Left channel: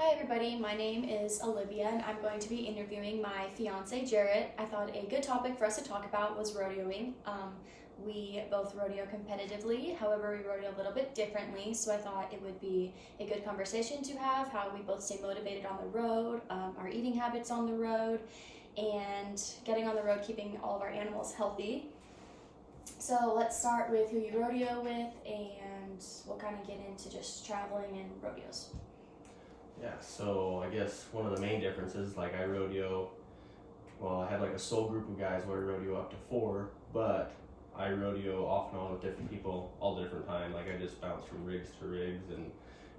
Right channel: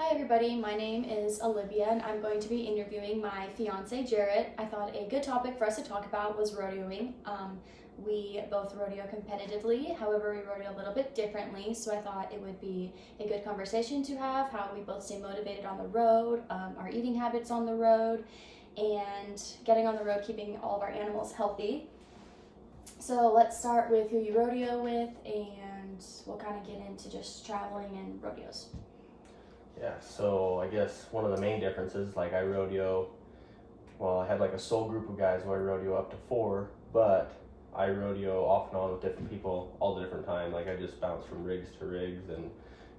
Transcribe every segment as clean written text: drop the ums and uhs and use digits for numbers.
Hi everybody, my name is Olivia and I'm going to be interviewing my fiance Jarrett. I thought a good topic for us to talk about was rodeoing. We both rodeo competitively, however we rodeo a little bit differently, so I thought it would be a good conversation to have, how we both stay motivated on the road, our eating habits on the road, and getting on the road, keeping all of our animals healthy. So let's start with who you rodeo with and we'll kind of get into just traveling and rodeos. Yeah, so I guess one of the main differences, like I rodeo, well, I had like a sole group of guys where I rodeo up to four, but I rodeo off and on with different people all the different time. Like I just bounce from rigs to rigs and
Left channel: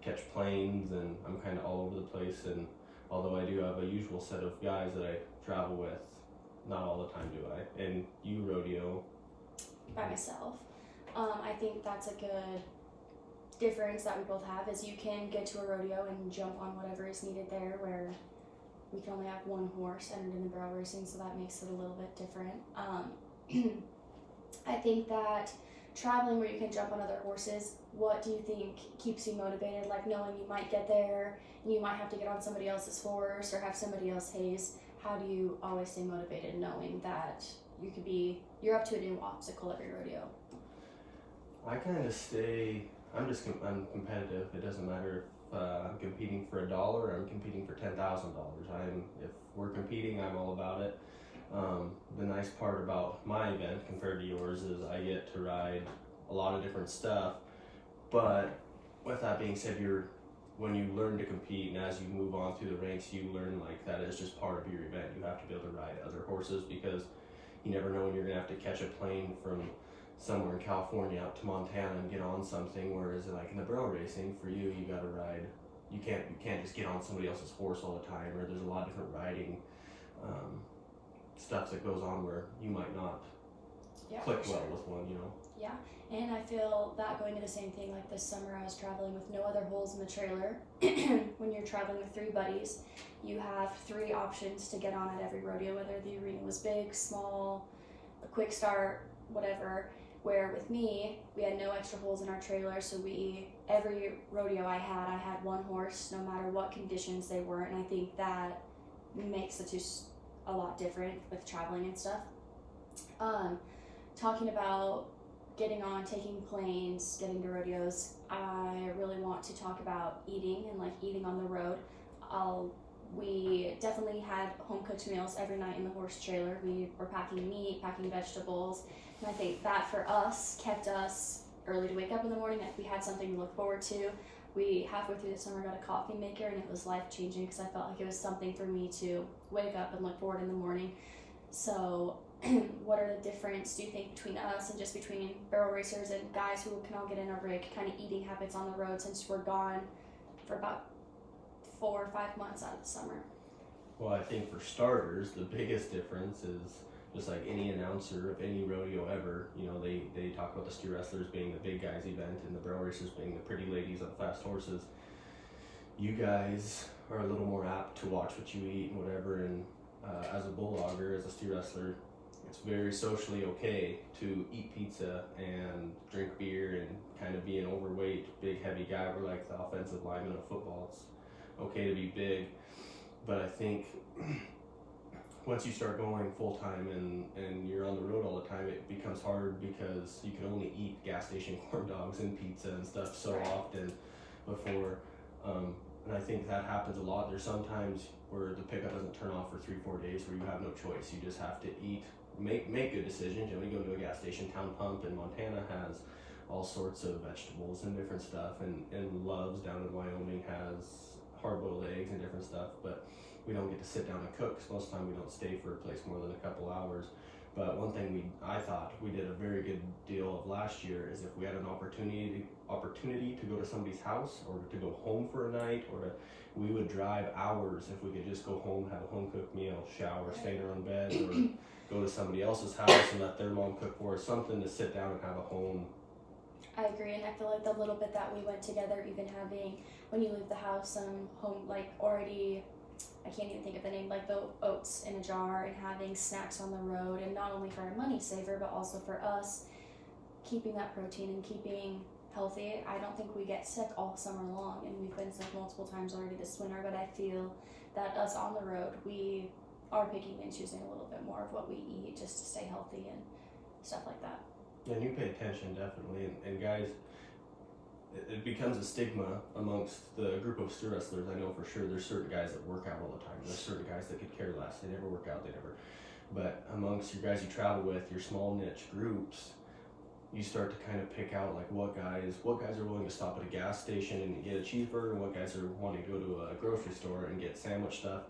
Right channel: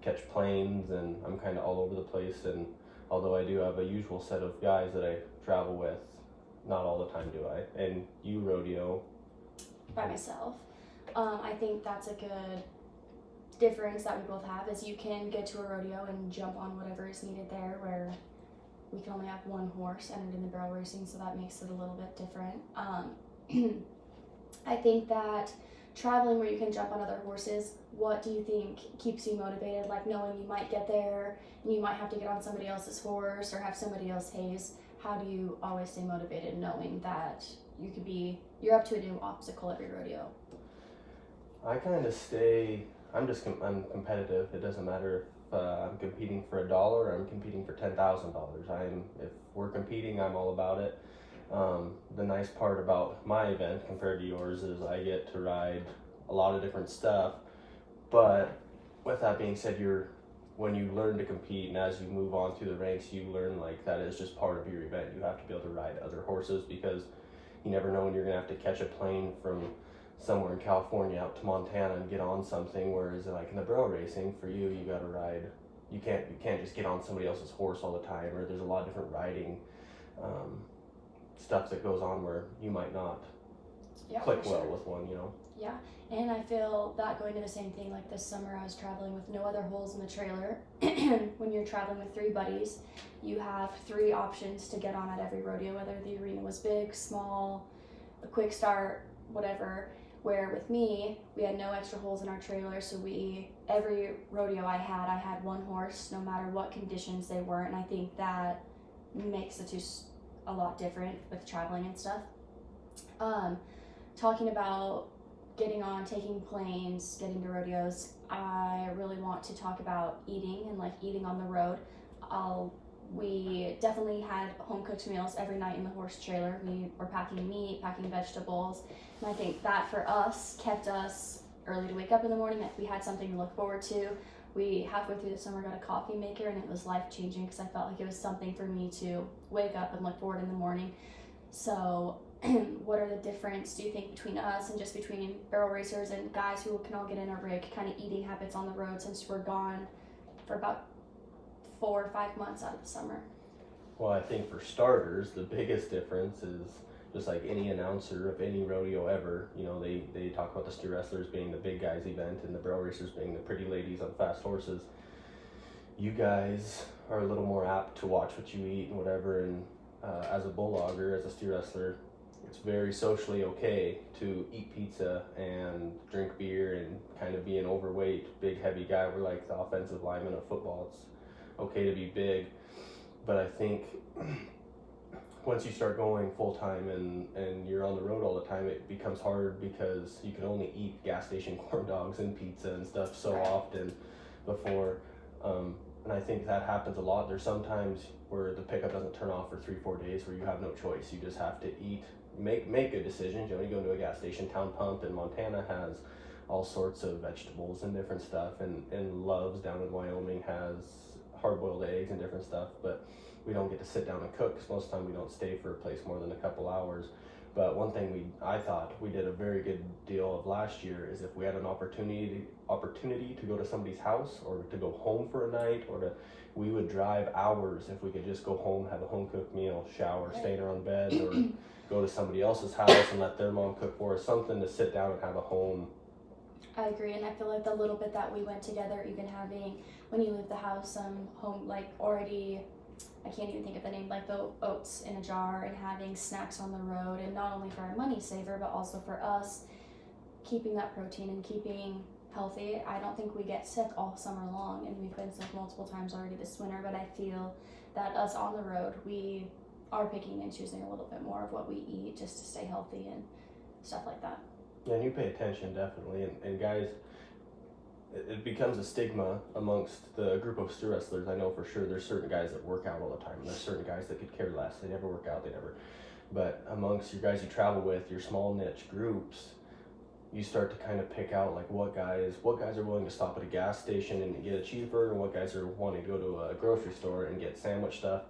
catch planes, and I'm kind of all over the place. And although I do have a usual set of guys that I travel with, not all the time do I. And you rodeo. By myself. I think that's a good difference that we both have is you can get to a rodeo and jump on whatever is needed there, where we can only have one horse entered in the barrel racing, so that makes it a little bit different. I think that traveling where you can jump on other horses, what do you think keeps you motivated? Like knowing you might get there and you might have to get on somebody else's horse or have somebody else haze. How do you always stay motivated knowing that you're up to a new obstacle every rodeo? I kind of stay. I'm competitive. It doesn't matter if I'm competing for $1 or I'm competing for $10,000. If we're competing, I'm all about it. The nice part about my event compared to yours is I get to ride a lot of different stuff. But with that being said, when you learn to compete and as you move on through the ranks, you learn like that is just part of your event. You have to be able to ride other horses because you never know when you're gonna have to catch a plane from somewhere in California out to Montana and get on something, whereas like in the barrel racing for you gotta ride, you can't just get on somebody else's horse all the time, or there's a lot of different riding stuff that goes on where you might not click well with one. Yeah, and I feel that going to the same thing, like this summer I was traveling with no other holes in the trailer. When you're traveling with three buddies, you have three options to get on at every rodeo, whether the arena was big, small, a quick start, whatever. Where with me, we had no extra holes in our trailer, so every rodeo I had one horse, no matter what conditions they were, and I think that makes the two a lot different with traveling and stuff. Talking about getting on, taking planes, getting to rodeos, I really want to talk about eating and like eating on the road. We definitely had home cooked meals every night in the horse trailer. We were packing meat, packing vegetables, and I think that for us kept us early to wake up in the morning, that we had something to look forward to. We halfway through the summer got a coffee maker, and it was life changing because I felt like it was something for me to wake up and look forward in the morning. So what are the difference, do you think, between us and just between barrel racers and guys who can all get in a rig, kind of eating habits on the road since we're gone for about 4 or 5 months out of the summer? Well, I think for starters, the biggest difference is just like any announcer of any rodeo ever, they talk about the steer wrestlers being the big guys event and the barrel racers being the pretty ladies on fast horses. You guys are a little more apt to watch what you eat and whatever, and as a bulldogger, as a steer wrestler, it's very socially okay to eat pizza and drink beer and kind of be an overweight, big, heavy guy. We're like the offensive lineman of football. It's okay to be big, but I think once you start going full time and you're on the road all the time, it becomes hard because you can only eat gas station corn dogs and pizza and stuff so often before. And I think that happens a lot. There's sometimes where the pickup doesn't turn off for 3-4 days where you have no choice. You just have to eat, make good decisions. You go into a gas station. Town Pump in Montana has all sorts of vegetables and different stuff, and Love's down in Wyoming has hard-boiled eggs and different stuff, but we don't get to sit down and cook because most of the time we don't stay for a place more than a couple hours. But one thing I thought we did a very good deal of last year is if we had an opportunity to go to somebody's house or to go home for a night, we would drive hours if we could just go home, have a home cooked meal, shower, stay in our own bed, or go to somebody else's house and let their mom cook for us, something to sit down and have a home. I agree, and I feel like the little bit that we went together, even having, when you leave the house, home, like already, I can't even think of the name, like the oats in a jar, and having snacks on the road, and not only for our money saver, but also for us, keeping that protein and keeping healthy. I don't think we get sick all summer long, and we've been sick multiple times already this winter, but I feel that us on the road, we are picking and choosing a little bit more of what we eat just to stay healthy and stuff like that. Yeah, and you pay attention definitely, and guys, it becomes a stigma amongst the group of steer wrestlers. I know for sure there's certain guys that work out all the time, and there's certain guys that could care less. They never work out, but amongst your guys you travel with, your small niche groups, you start to kind of pick out like what guys are willing to stop at a gas station and get a cheeseburger, and what guys are wanting to go to a grocery store and get sandwich stuff.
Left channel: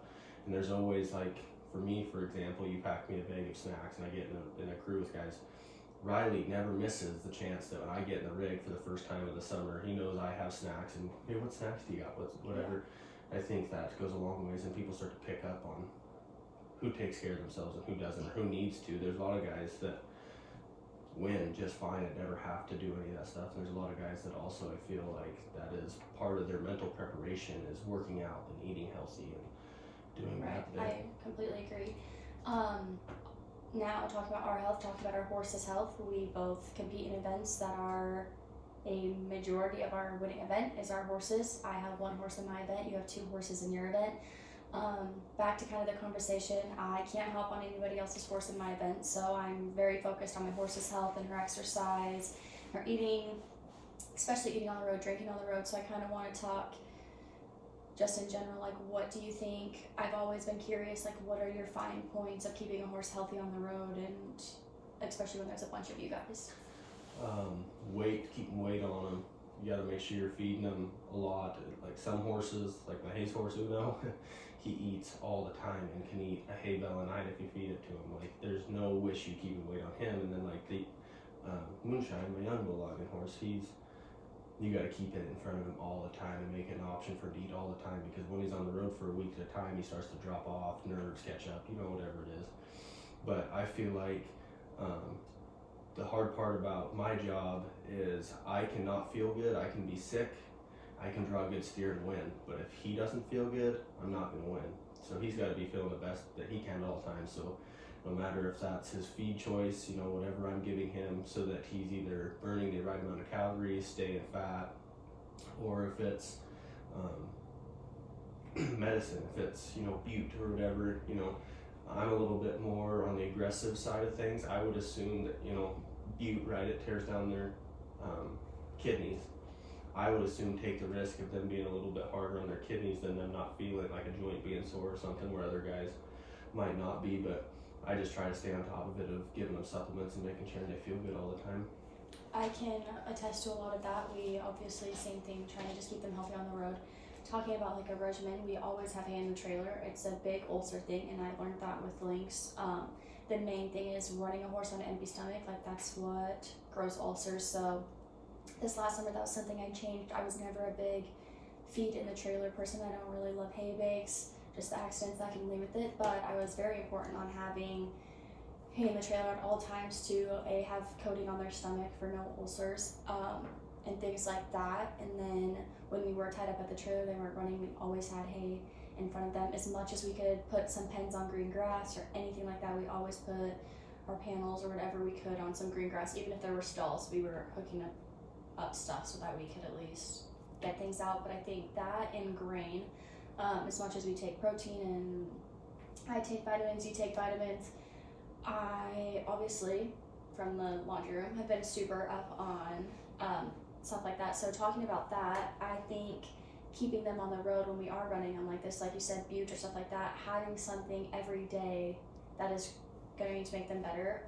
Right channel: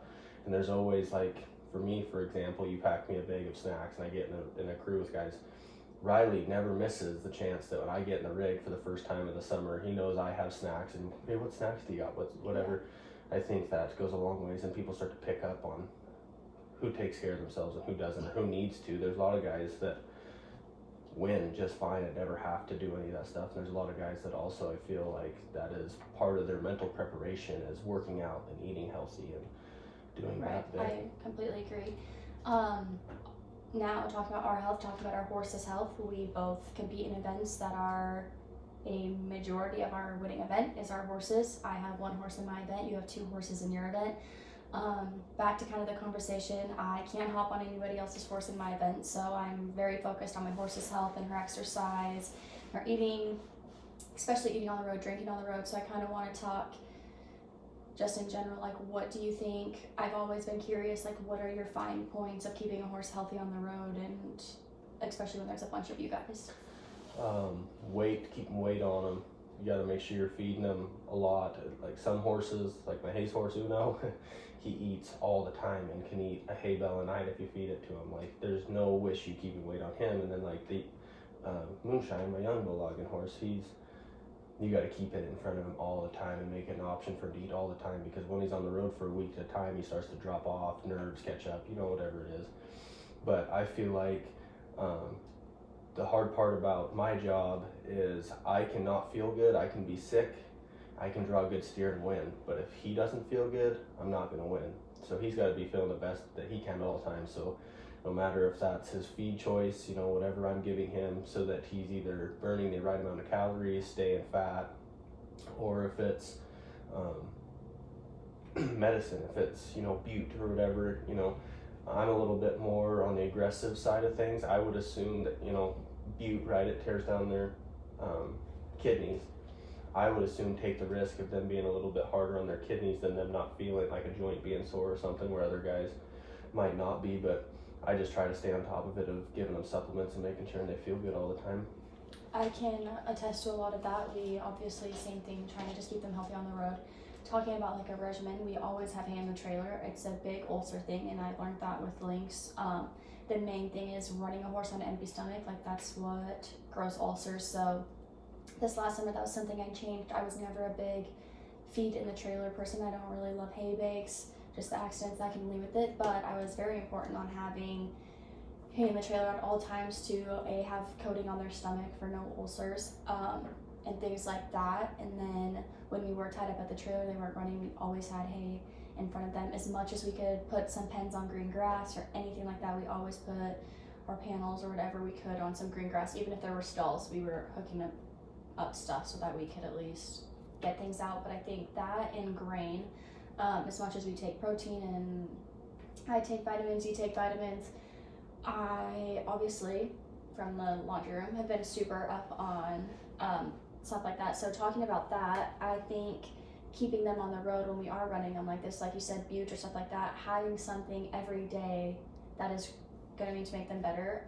And there's always like, for me, for example, you pack me a bag of snacks and I get in a crew with guys. Riley never misses the chance that when I get in the rig for the first time of the summer, he knows I have snacks, and hey, what snacks do you got? Whatever. I think that goes a long ways, and people start to pick up on who takes care of themselves and who doesn't, or who needs to. There's a lot of guys that win just fine and never have to do any of that stuff. There's a lot of guys that also, I feel like that is part of their mental preparation, is working out and eating healthy and doing Right. that. I completely agree. Now talking about our health, talking about our horses' health, we both compete in events that are a majority of our winning event is our horses. I have one horse in my event, you have two horses in your event. Back to kind of the conversation, I can't hop on anybody else's horse in my event, so I'm very focused on my horse's health and her exercise, her eating, especially eating on the road, drinking on the road. So I kind of want to talk just in general, like, what do you think? I've always been curious, like, what are your fine points of keeping a horse healthy on the road, and especially when there's a bunch of you guys? Keeping weight on them. You got to make sure you're feeding them a lot. Like some horses, like my Hayes horse Uno, he eats all the time and can eat a hay bale a night if you feed it to him. Like there's no issue keeping weight on him. And then like the Moonshine, my young bull-logging horse, you got to keep it in front of him all the time and make it an option for him to eat all the time, because when he's on the road for a week at a time, he starts to drop off, nerves catch up, whatever it is. But I feel like the hard part about my job is I cannot feel good. I can be sick, I can draw a good steer and win, but if he doesn't feel good, I'm not going to win. So he's got to be feeling the best that he can at all times. So no matter if that's his feed choice, whatever I'm giving him, so that he's either burning the right amount of calories, staying fat, or if it's medicine, if it's bute or whatever. I'm a little bit more on the aggressive side of things. I would assume that bute, right, it tears down their kidneys. I would assume take the risk of them being a little bit harder on their kidneys than them not feeling like a joint being sore or something, where other guys might not be. But I just try to stay on top of it, of giving them supplements and making sure they feel good all the time. I can attest to a lot of that. We obviously, same thing, trying to just keep them healthy on the road. Talking about like a regimen, we always have hay in the trailer. It's a big ulcer thing, and I learned that with Lynx. The main thing is running a horse on an empty stomach, like that's what grows ulcers. So this last summer, that was something I changed. I was never a big feed in the trailer person. I don't really love hay bags, just the accidents that can leave with it, but I was very important on having hay in the trailer at all times to have coating on their stomach for no ulcers, and things like that. And then when we were tied up at the trailer, they weren't running, we always had hay in front of them. As much as we could put some pens on green grass or anything like that, we always put our panels or whatever we could on some green grass. Even if there were stalls, we were hooking up stuff so that we could at least get things out. But I think that and grain, as much as we take protein and I take vitamins, you take vitamins, I obviously from the laundry room have been super up on stuff like that. So talking about that, I think keeping them on the road when we are running them like this, like you said, bute or stuff like that, having something every day that is going to make them better.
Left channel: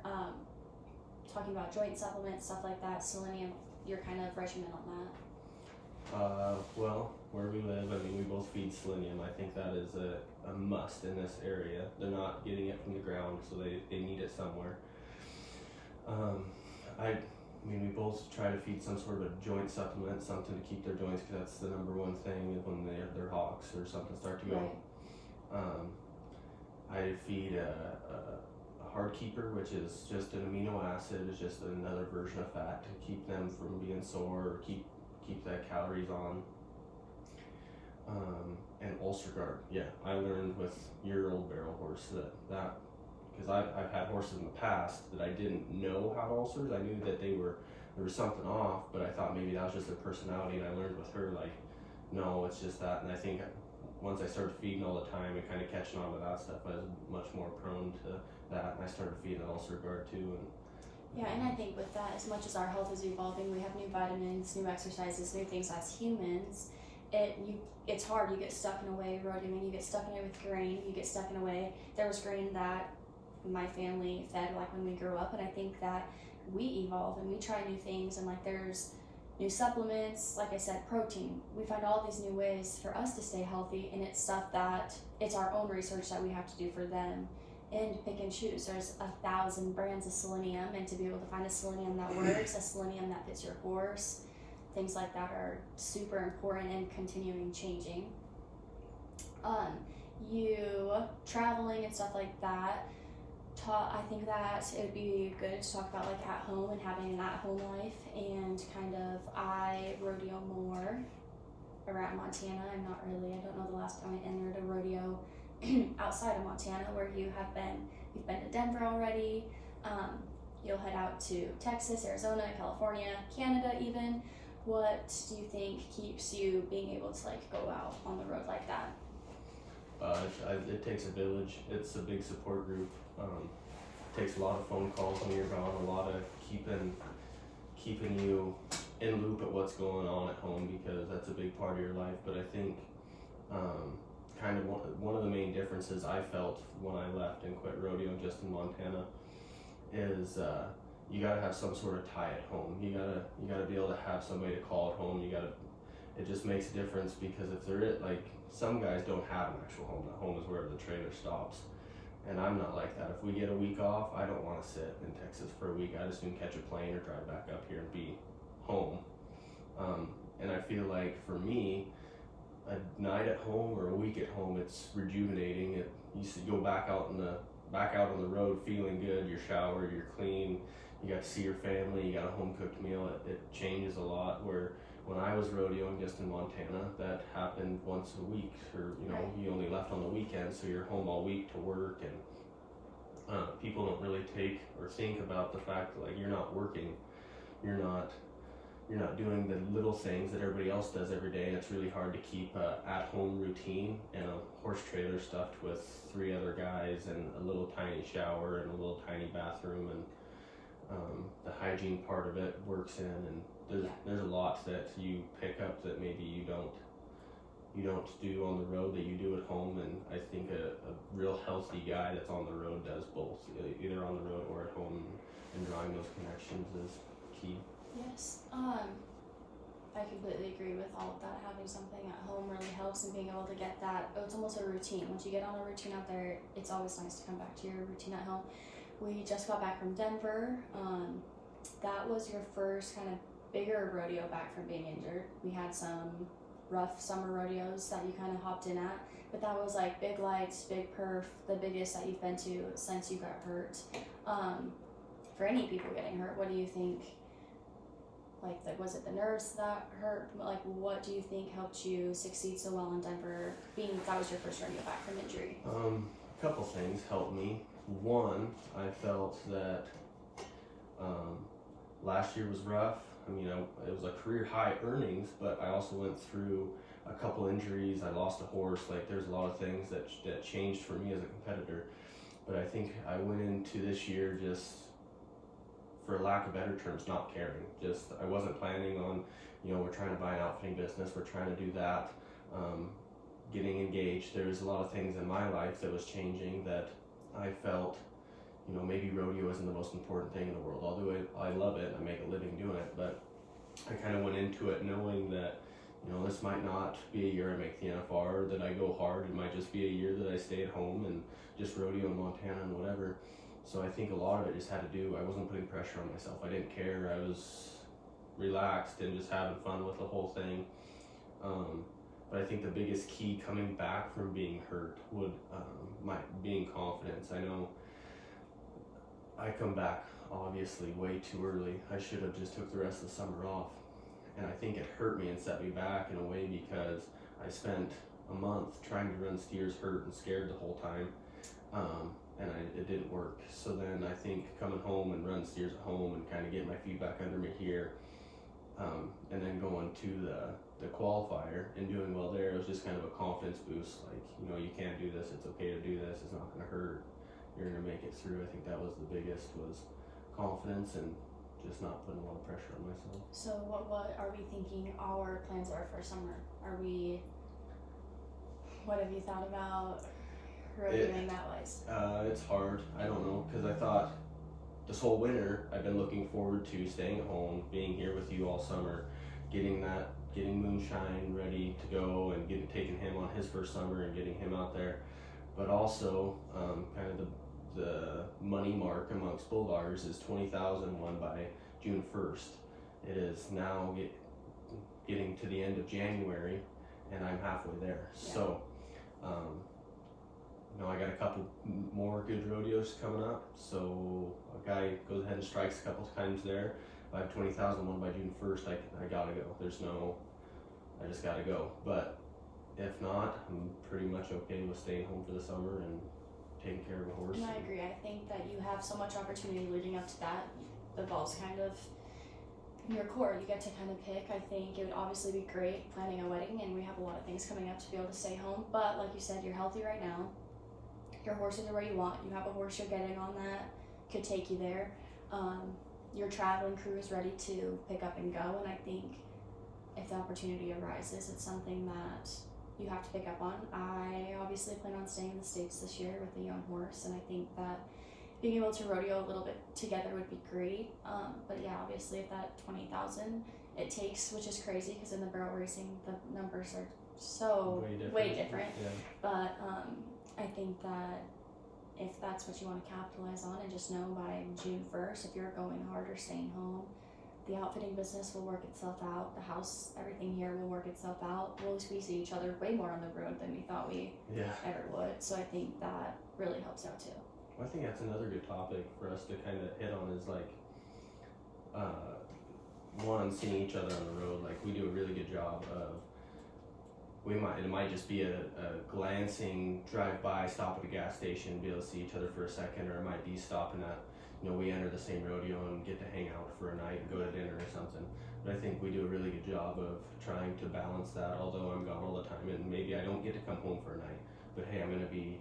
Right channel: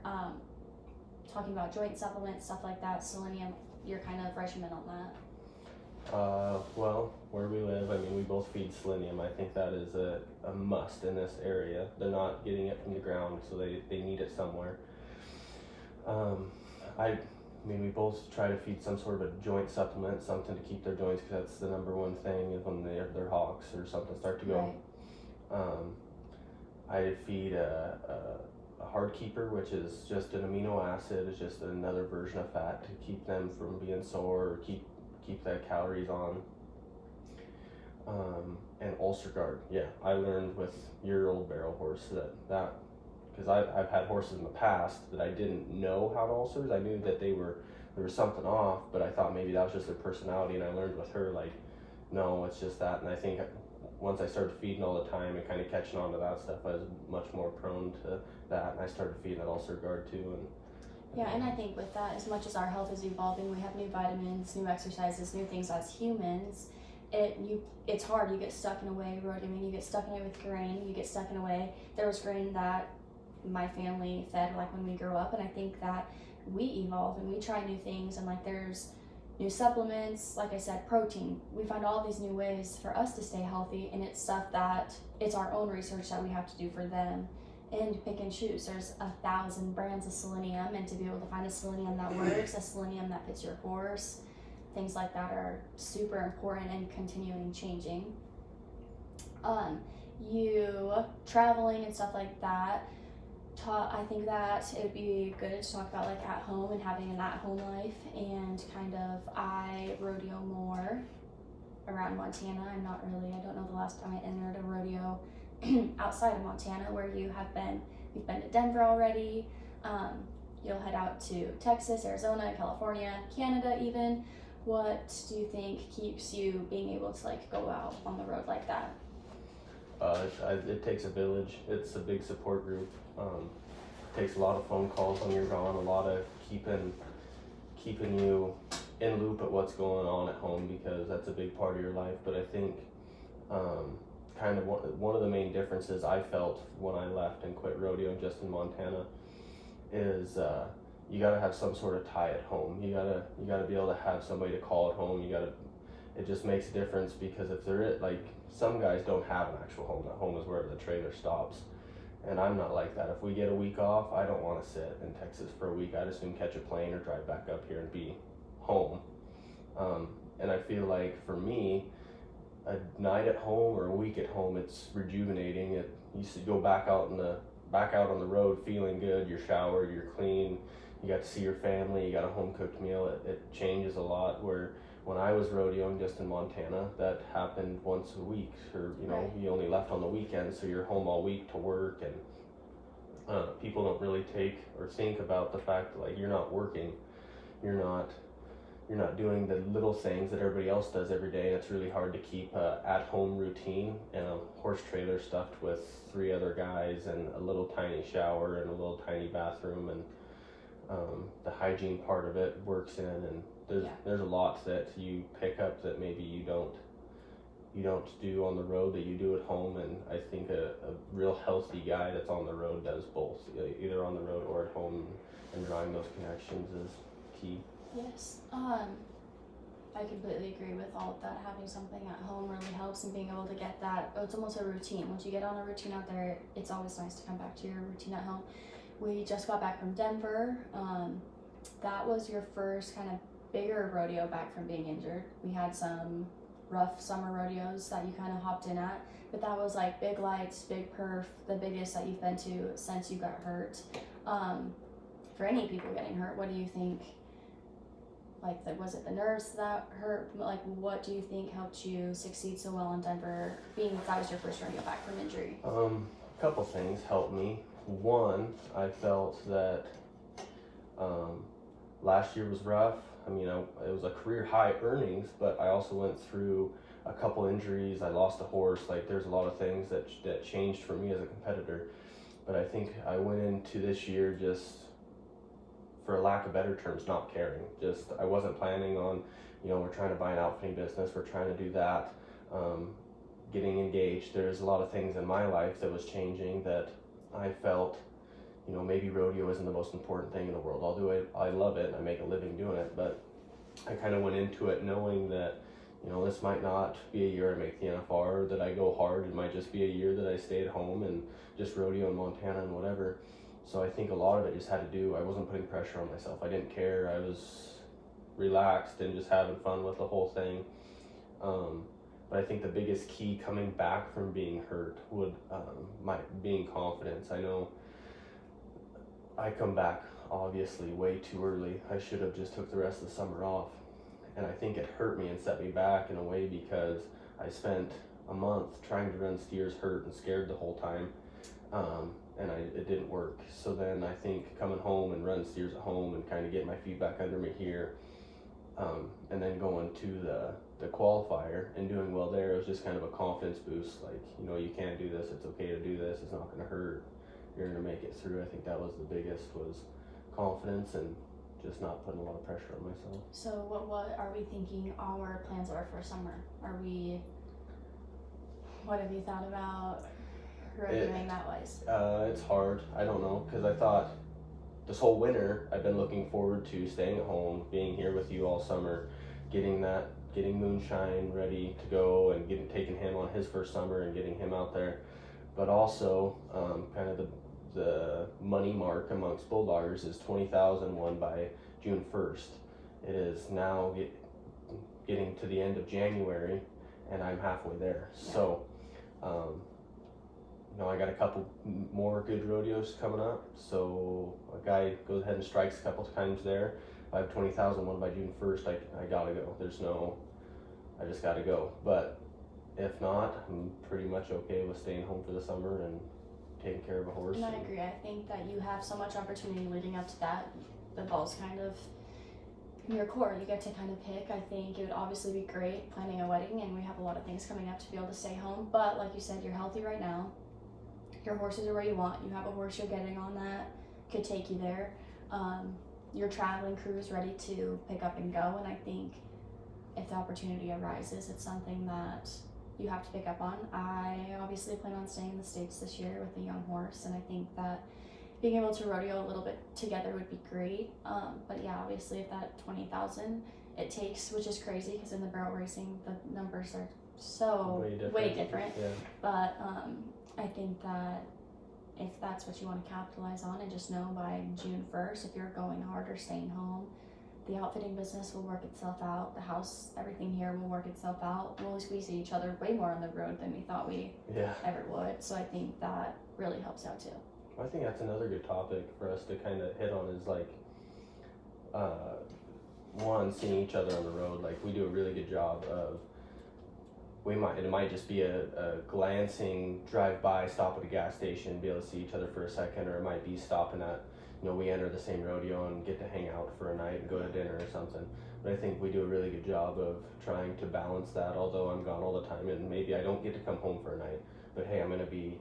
Talking about joint supplements, stuff like that, selenium, your kind of regimen on that. Well, where we live, we both feed selenium. I think that is a must in this area. They're not getting it from the ground, so they need it somewhere. We both try to feed some sort of a joint supplement, something to keep their joints, because that's the number one thing when they're hawks or something start to go. Right. I feed a hard keeper, which is just an amino acid. It's just another version of fat to keep them from being sore or keep the calories on. And ulcer guard. Yeah, I learned with your old barrel horse that because I've had horses in the past that I didn't know had ulcers. I knew that there's there was something off, but I thought maybe that was just their personality, and I learned with her, like, no, it's just that. And I think once I started feeding all the time and kind of catching on to that stuff, I was much more prone to that, and I started feeding at Ulcer-Guard too. And yeah, and I think with that, as much as our health is evolving, we have new vitamins, new exercises, new things as humans. It's hard. You get stuck in a way, road. I mean, you get stuck in it with grain. You get stuck in a way. There was grain that my family fed, like when we grew up, and I think that we evolve and we try new things, and like there's new supplements, like I said, protein. We find all these new ways for us to stay healthy, and it's stuff that it's our own research that we have to do for them and pick and choose. There's 1,000 brands of selenium, and to be able to find a selenium that works, a selenium that fits your horse, things like that are super important and continuing changing. You traveling and stuff like that, I think that it would be good to talk about like at home and having an at-home life, and kind of I rodeo more around Montana. I don't know the last time I entered a rodeo outside of Montana, where you've been to Denver already. You'll head out to Texas, Arizona, California, Canada even. What do you think keeps you being able to like go out on the road like that? It takes a village. It's a big support group. It takes a lot of phone calls when you're gone, a lot of keeping you in loop at what's going on at home, because that's a big part of your life. But I think kind of one of the main differences I felt when I left and quit rodeo just in Montana is you gotta have some sort of tie at home. You gotta be able to have somebody to call at home. It just makes a difference, because if there is, like, some guys don't have an actual home. That home is wherever the trailer stops. And I'm not like that. If we get a week off, I don't want to sit in Texas for a week. I'd as soon catch a plane or drive back up here and be home. And I feel like for me, a night at home or a week at home, it's rejuvenating. You should go back out on the road feeling good. You're showered, you're clean, you got to see your family, you got a home cooked meal. It changes a lot. Where when I was rodeoing just in Montana, that happened once a week, or Right. you only left on the weekends, so you're home all week to work. And people don't really take or think about the fact that, like, you're not working, you're not doing the little things that everybody else does every day, and it's really hard to keep a at-home routine and a horse trailer stuffed with 3 other guys and a little tiny shower and a little tiny bathroom, and the hygiene part of it works in, and there's a lot that you pick up that maybe you don't do on the road that you do at home. And I think a real healthy guy that's on the road does both, either on the road or at home, and drawing those connections is key. Yes. I completely agree with all of that. Having something at home really helps, and being able to get that, it's almost a routine. Once you get on a routine out there, it's always nice to come back to your routine at home. We just got back from Denver. That was your first kind of bigger rodeo back from being injured. We had some rough summer rodeos that you kind of hopped in at, but that was like big lights, big perf, the biggest that you've been to since you got hurt. For any people getting hurt, what do you think? Like, was it the nerves that hurt? Like, what do you think helped you succeed so well in Denver, being that was your first rodeo back from injury? A couple things helped me. One, I felt that last year was rough. I mean, it was a career high earnings, but I also went through a couple injuries. I lost a horse. Like, there's a lot of things that changed for me as a competitor. But I think I went into this year just, for lack of better terms, not caring. Just, I wasn't planning on, we're trying to buy an outfitting business. We're trying to do that. Getting engaged. There's a lot of things in my life that was changing that I felt, maybe rodeo isn't the most important thing in the world. I'll do it. I love it. I make a living doing it. But I kind of went into it knowing that, this might not be a year I make the NFR, that I go hard. It might just be a year that I stay at home and just rodeo in Montana and whatever. So I think a lot of it just had to do, I wasn't putting pressure on myself. I didn't care. I was relaxed and just having fun with the whole thing. But I think the biggest key coming back from being hurt would being confidence. I know I come back obviously way too early. I should have just took the rest of the summer off. And I think it hurt me and set me back in a way, because I spent a month trying to run steers hurt and scared the whole time. and it didn't work. So then I think coming home and running steers at home and kind of getting my feet back under me here, and then going to the qualifier and doing well there, it was just kind of a confidence boost. Like, you know, you can do this. It's okay to do this. It's not going to hurt. You're going to make it through. I think that was the biggest, was confidence and just not putting a lot of pressure on myself. So what are we thinking our plans are for summer? What have you thought about doing that wise? It's hard. I don't know, because I thought this whole winter I've been looking forward to staying at home, being here with you all summer, getting Moonshine ready to go, and taking him on his first summer and getting him out there. But also, kind of the money mark amongst bulldoggers is 20,000 won by June 1st. It is now getting to the end of January, and I'm halfway there. Yeah. So, I got a couple more good rodeos coming up. So a guy goes ahead and strikes a couple times there. If I have 20,000 won by June 1st, I gotta go. I just gotta go. But if not, I'm pretty much okay with staying home for the summer and taking care of a horse. And I agree. I think that you have so much opportunity leading up to that. The ball's kind of in your court. You get to kind of pick. I think it would obviously be great planning a wedding, and we have a lot of things coming up to be able to stay home. But like you said, you're healthy right now. Your horses are where you want. You have a horse you're getting on that could take you there. Your traveling crew is ready to pick up and go, and I think if the opportunity arises, it's something that you have to pick up on. I obviously plan on staying in the States this year with a young horse, and I think that being able to rodeo a little bit together would be great. But yeah, obviously if that 20,000 it takes, which is crazy because in the barrel racing the numbers are so way different. Yeah. But I think that if that's what you want to capitalize on, and just know by June 1st, if you're going hard or staying home, the outfitting business will work itself out. The house, everything here will work itself out. We'll squeeze each other way more on the road than we thought we ever would. So I think that really helps out too. I think that's another good topic for us to kind of hit on is like, one, seeing each other on the road. Like, we do a really good job of, it might just be a glancing drive-by, stop at a gas station, be able to see each other for a second, or it might be stopping at, we enter the same rodeo and get to hang out for a night and go to dinner or something. But I think we do a really good job of trying to balance that, although I'm gone all the time and maybe I don't get to come home for a night. But hey, I'm going to be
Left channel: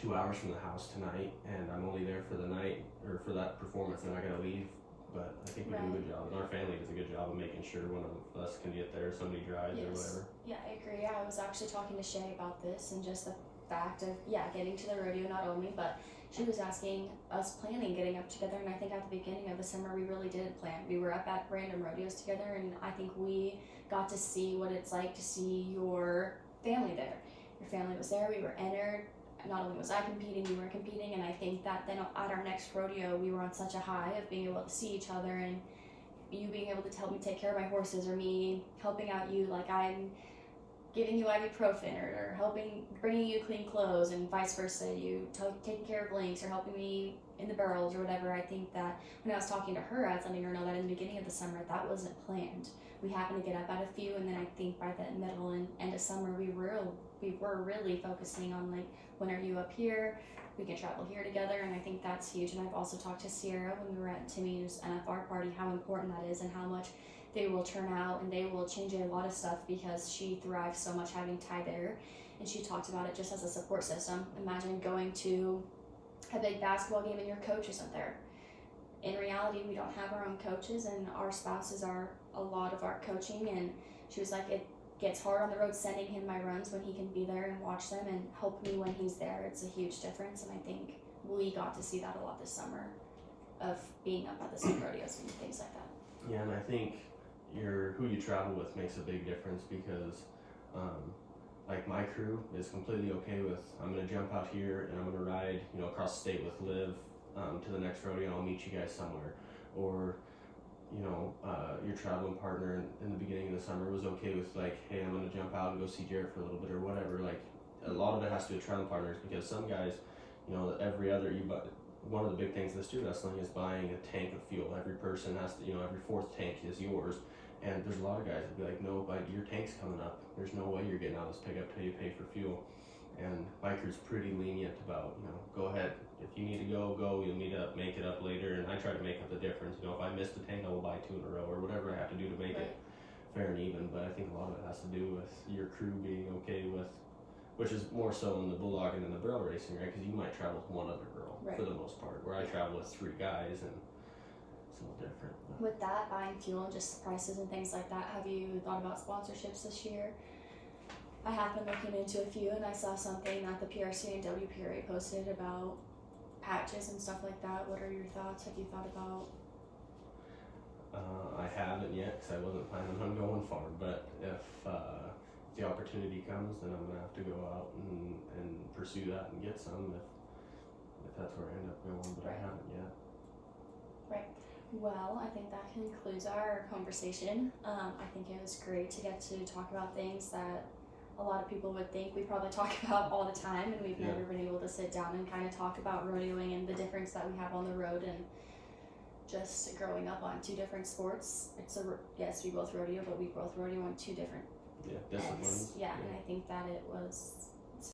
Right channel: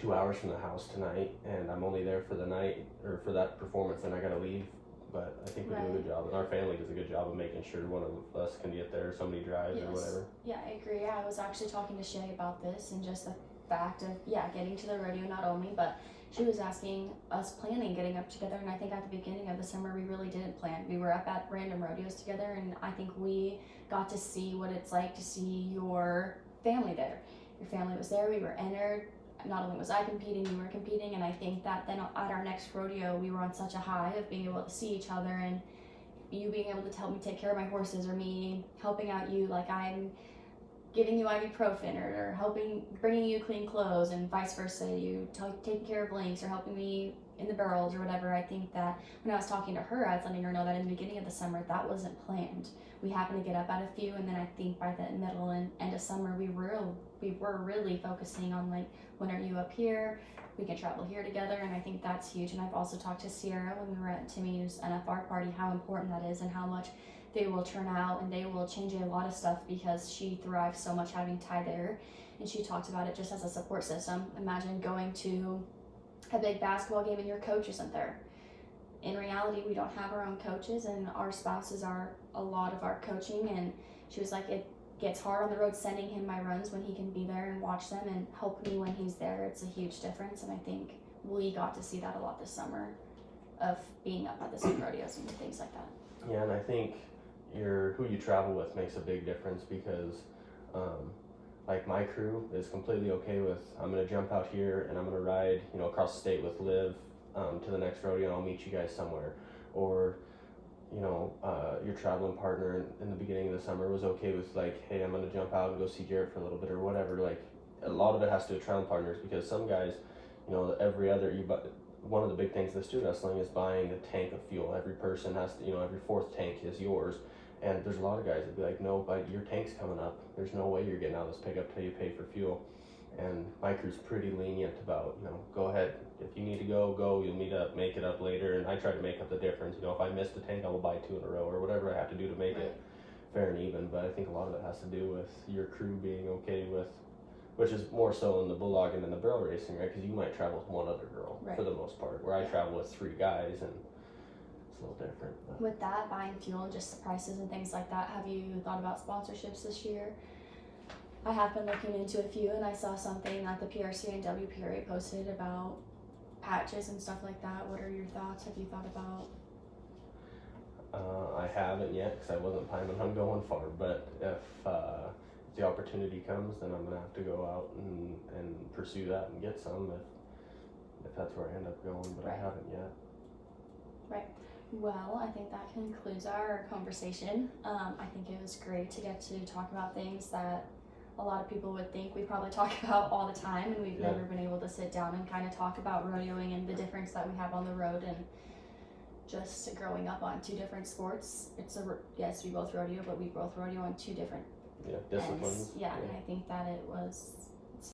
2 hours from the house tonight and I'm only there for the night or for that performance, and I got to leave. But I think we do a good job, and our family does a good job of making sure one of us can get there, somebody drives or whatever. Yeah, I agree. I was actually talking to Shay about this and just the fact of, getting to the rodeo not only, but she was asking us planning getting up together, and I think at the beginning of the summer we really did plan. We were up at random rodeos together, and I think we got to see what it's like to see your family there. Your family was there, we were entered. Not only was I competing, you were competing, and I think that then at our next rodeo we were on such a high of being able to see each other, and you being able to help me take care of my horses, or me helping out you, like I'm giving you ibuprofen or bringing you clean clothes, and vice versa, you taking care of links or helping me in the barrels or whatever. I think that when I was talking to her, I was letting her know that in the beginning of the summer that wasn't planned. We happened to get up at a few, and then I think by the middle and end of summer we were really focusing on like, when are you up here? We can travel here together, and I think that's huge. And I've also talked to Sierra when we were at Timmy's NFR party, how important that is and how much they will turn out and they will change a lot of stuff because she thrives so much having Ty there. And she talked about it just as a support system. Imagine going to a big basketball game and your coach isn't there. In reality, we don't have our own coaches, and our spouses are a lot of our coaching. And she was like, it gets hard on the road sending him my runs when he can be there and watch them and help me when he's there. It's a huge difference, and I think we got to see that a lot this summer of being up at the same rodeos and things like that. Yeah, and I think who you travel with makes a big difference because like my crew is completely okay with, I'm going to jump out here and I'm going to ride across the state with Liv to the next rodeo, and I'll meet you guys somewhere. Or your traveling partner in the beginning of the summer was okay with like, hey, I'm going to jump out and go see Jared for a little bit or whatever. Like, a lot of it has to do with traveling partners, because some guys, one of the big things in the student wrestling is buying a tank of fuel. Every person has to, every fourth tank is yours. And there's a lot of guys that be like, no, but your tank's coming up. There's no way you're getting out of this pickup till you pay for fuel. And my crew's pretty lenient about, you know, go ahead. If you need to go. You'll make it up later. And I try to make up the difference. You know, if I missed a tank, I will buy 2 in a row or whatever I have to do to make Right. it fair and even. But I think a lot of it has to do with your crew being okay with, which is more so in the bulldogging and the barrel racing, right? Because you might travel with one other girl Right. for the most part, where I Yeah. travel with 3 guys, and it's a little different. But With that, buying fuel and just the prices and things like that, have you thought about sponsorships this year? I have been looking into a few, and I saw something that the PRC and WPRA posted about patches and stuff like that. What are your thoughts? Have you thought about? I haven't yet because I wasn't planning on going far. But if the opportunity comes, then I'm gonna have to go out and pursue that and get some if that's where I end up going. But Right. I haven't yet. Well, I think that concludes our conversation. I think it was great to get to talk about things that a lot of people would think we probably talk about all the time, and we've Yeah. never been able to sit down and kind of talk about rodeoing and the difference that we have on the road, and just growing up on 2 different sports. Yes, we both rodeo, but we both rodeo on 2 different Yeah, disciplines. ends. Yeah, and I think that it was